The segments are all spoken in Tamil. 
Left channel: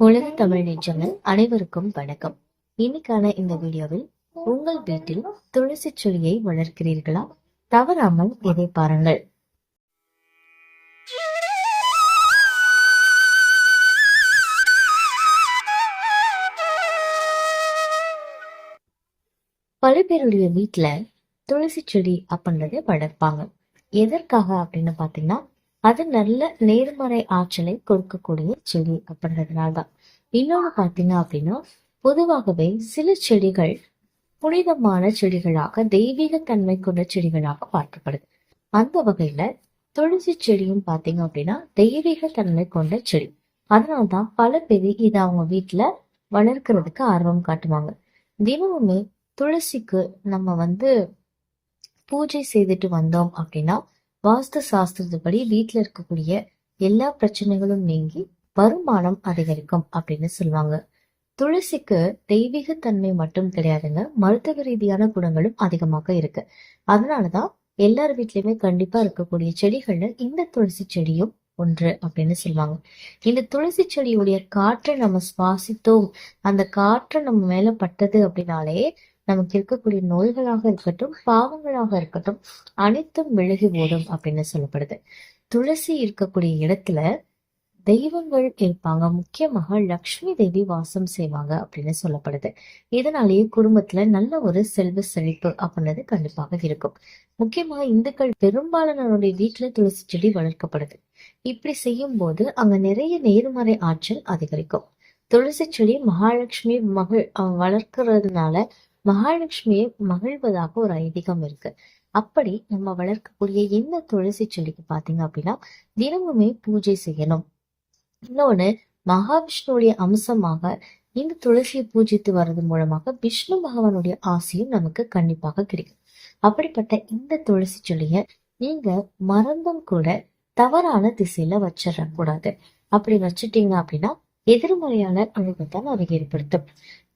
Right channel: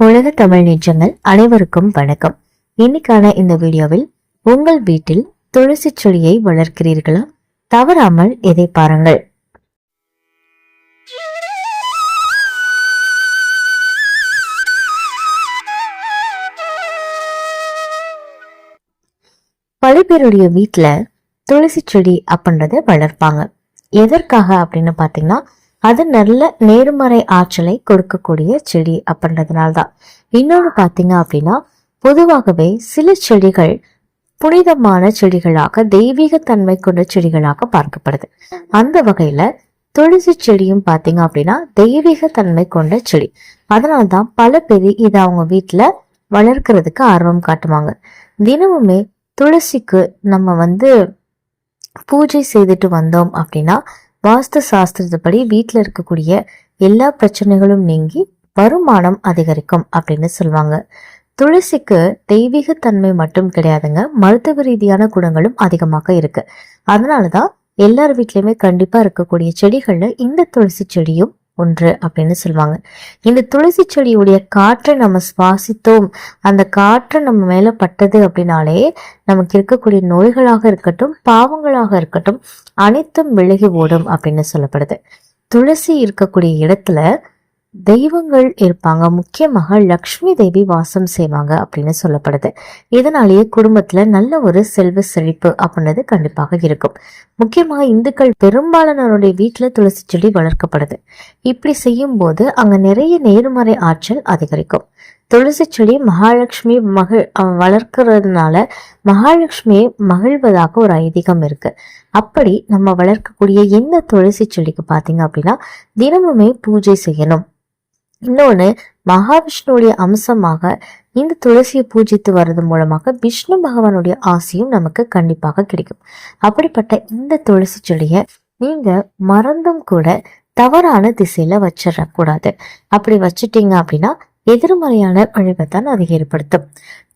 உலக தமிழ் நிஜங்கள் அனைவருக்கும் வணக்கம். இன்னைக்கான இந்த வீடியோவில் உங்கள் வீட்டில் துளசி செடியை வளர்க்கிறீர்களா? தவறாமல் இதை பாருங்கள். பல பேருடைய வீட்டுல துளசி செடி அப்படின்றத வளர்ப்பாங்க. எதற்காக அப்படின்னு பார்த்தீங்கன்னா அது நல்ல நேர்மறை ஆற்றலை கொடுக்கக்கூடிய செடி அப்படின்றதுனால தான் இன்னொன்று பார்த்தீங்க அப்படின்னா பொதுவாகவே சில செடிகள் புனிதமான செடிகளாக தெய்வீக தன்மை கொண்ட செடிகளாக பார்க்கப்படுது. அந்த வகையில துளசி செடியும் பார்த்தீங்க அப்படின்னா தெய்வீக தன்மை கொண்ட செடி. அதனால தான் பல பேர் இதை அவங்க வீட்டில் வளர்க்கறதுக்கு ஆர்வம் காட்டுவாங்க. தினமுமே துளசிக்கு நம்ம வந்து பூஜை செய்துட்டு வந்தோம் அப்படின்னா வாஸ்து சாஸ்திரத்துப்படி வீட்டில் இருக்கக்கூடிய எல்லா பிரச்சனைகளும் நீங்கி வருமானம் அதிகரிக்கும் அப்படின்னு சொல்லுவாங்க. துளசிக்கு தெய்வீக தன்மை மட்டும் கிடையாதுங்க. மருத்துவ ரீதியான குணங்களும் அதிகமாக இருக்கு. அதனால தான் எல்லார் வீட்லேயுமே கண்டிப்பா இருக்கக்கூடிய செடிகளில் இந்த துளசி செடியும் ஒன்று அப்படின்னு சொல்லுவாங்க. இந்த துளசி செடியுடைய காற்றை நம்ம சுவாசித்தோம். அந்த காற்று நம்ம மேல பட்டது அப்படின்னாலே நமக்கு இருக்கக்கூடிய நோய்களாக இருக்கட்டும் பாவங்களாக இருக்கட்டும் அனைத்தும் விலகி ஓடும் அப்படின்னு சொல்லப்படுது. துளசி இருக்கக்கூடிய இடத்துல தெய்வங்கள் இருப்பாங்க. முக்கியமாக லக்ஷ்மி தேவி வாசம் செய்வாங்க அப்படின்னு சொல்லப்படுது. இதனாலேயே குடும்பத்துல நல்ல ஒரு செல்வ செழிப்பு அப்படின்றது கண்டிப்பாக இருக்கும். முக்கியமாக இந்துக்கள் பெரும்பாலானவருடைய வீட்டுல துளசி செடி வளர்க்கப்படுது. இப்படி செய்யும் போது அங்க நிறைய நேர்மறை ஆற்றல் அதிகரிக்கும். துளசி செடி மகாலட்சுமி மகிழ் வளர்க்கறதுனால மகாலட்சுமியை மகிழ்வதாக ஒரு ஐதீகம் இருக்கு. அப்படி நம்ம வளர்க்கக்கூடிய எந்த துளசி செடிக்கு பார்த்தீங்க அப்படின்னா தினமுமே பூஜை செய்யணும். இன்னொன்று மகாவிஷ்ணுடைய அம்சமாக இந்த துளசியை பூஜித்து வர்றது மூலமாக விஷ்ணு பகவானுடைய ஆசையும் நமக்கு கண்டிப்பாக கிடைக்கும். அப்படிப்பட்ட இந்த துளசி செடியை நீங்க மறந்தும் கூட தவறான திசையில வச்சிடக்கூடாது. அப்படி வச்சுட்டீங்க அப்படின்னா எதிர்மறையான அழிவை தான் அதை ஏற்படுத்தும்.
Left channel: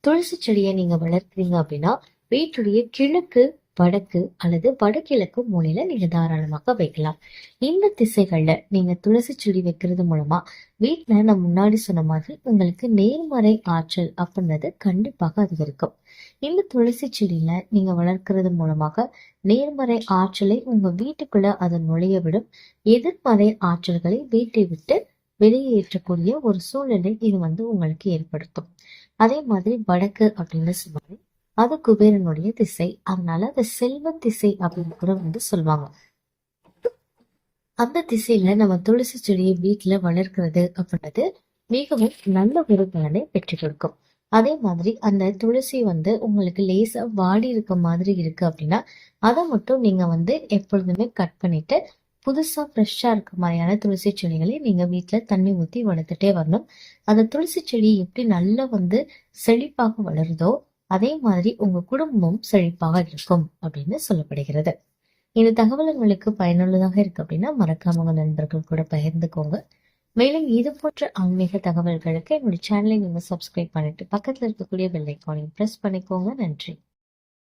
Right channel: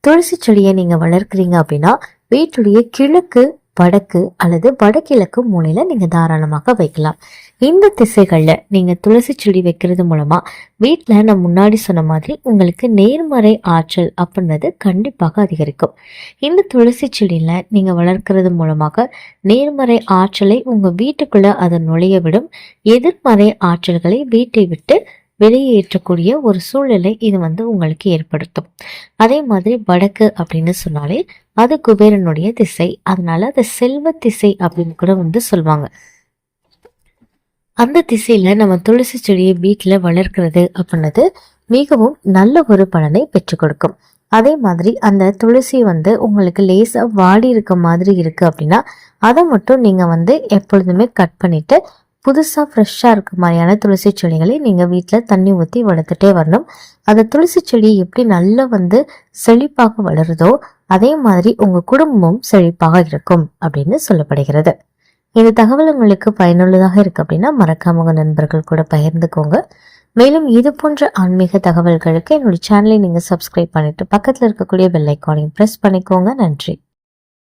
துளசி செடியை நீங்க வளர்க்குறீங்க அப்படின்னா வீட்டுடைய கிழக்கு வடக்கு அல்லது வடகிழக்கு மூலையில நீங்க தாராளமாக வைக்கலாம். இந்த திசைகளில் நீங்க துளசி செடி வைக்கிறது மூலமா வீட்டில் நான் முன்னாடி சொன்ன மாதிரி உங்களுக்கு நேர்மறை ஆற்றல் அப்படின்றது கண்டிப்பாக அதிகரிக்கும். இந்த துளசி செடியில நீங்க வளர்க்கறது மூலமாக நேர்மறை ஆற்றலை உங்க வீட்டுக்குள்ள அதை நுழைய விடும். எதிர்மறை ஆற்றல்களை வீட்டை விட்டு வெளியேற்றக்கூடிய ஒரு சூழ்நிலை இது வந்து உங்களுக்கு ஏற்படுத்தும். அதே மாதிரி வடக்கு அப்படின்னு சொன்னாலே அது குபேரனுடைய திசை. அதனால அது செல்வ திசை அப்படின்னு கூட வந்து சொல்லுவாங்க அந்த திசையில நம்ம துளசி செடியை வீட்டுல வளர்க்கிறது அப்படின்னது மிகவும் நல்ல ஒரு பலனை பெற்றுக் கொடுக்கும். அதே மாதிரி அந்த துளசி வந்து உங்களுக்கு லேசா வாடி இருக்க மாதிரி இருக்கு அப்படின்னா அதை மட்டும் நீங்க வந்து எப்பொழுதுமே கட் பண்ணிட்டு புதுசாக ஃப்ரெஷ்ஷாக இருக்க மாதிரியான துளசி செடிகளை நீங்கள் வீட்டில் தண்ணி ஊற்றி வளர்த்துட்டே வரணும். அந்த துளசி செடி எப்படி நல்லா வந்து செழிப்பாக வளருதோ அதே மாதிரி உங்கள் குடும்பமும் செழிப்பாக இருக்கும் அப்படின்னு சொல்லப்படுகிறது. இந்த தகவல் உங்களுக்கு பயனுள்ளதாக இருக்கு அப்படின்னா மறக்காம உங்கள் நண்பர்கள் கூட பகிர்ந்துக்கோங்க. மேலும் இது போன்ற ஆன்மீக தகவல்களுக்கு என்னுடைய சேனலை நீங்கள் சப்ஸ்கிரைப் பண்ணிட்டு பக்கத்தில் இருக்கக்கூடிய பெல் ஐக்கானையும் ப்ரெஸ் பண்ணிக்கோங்க. நன்றி.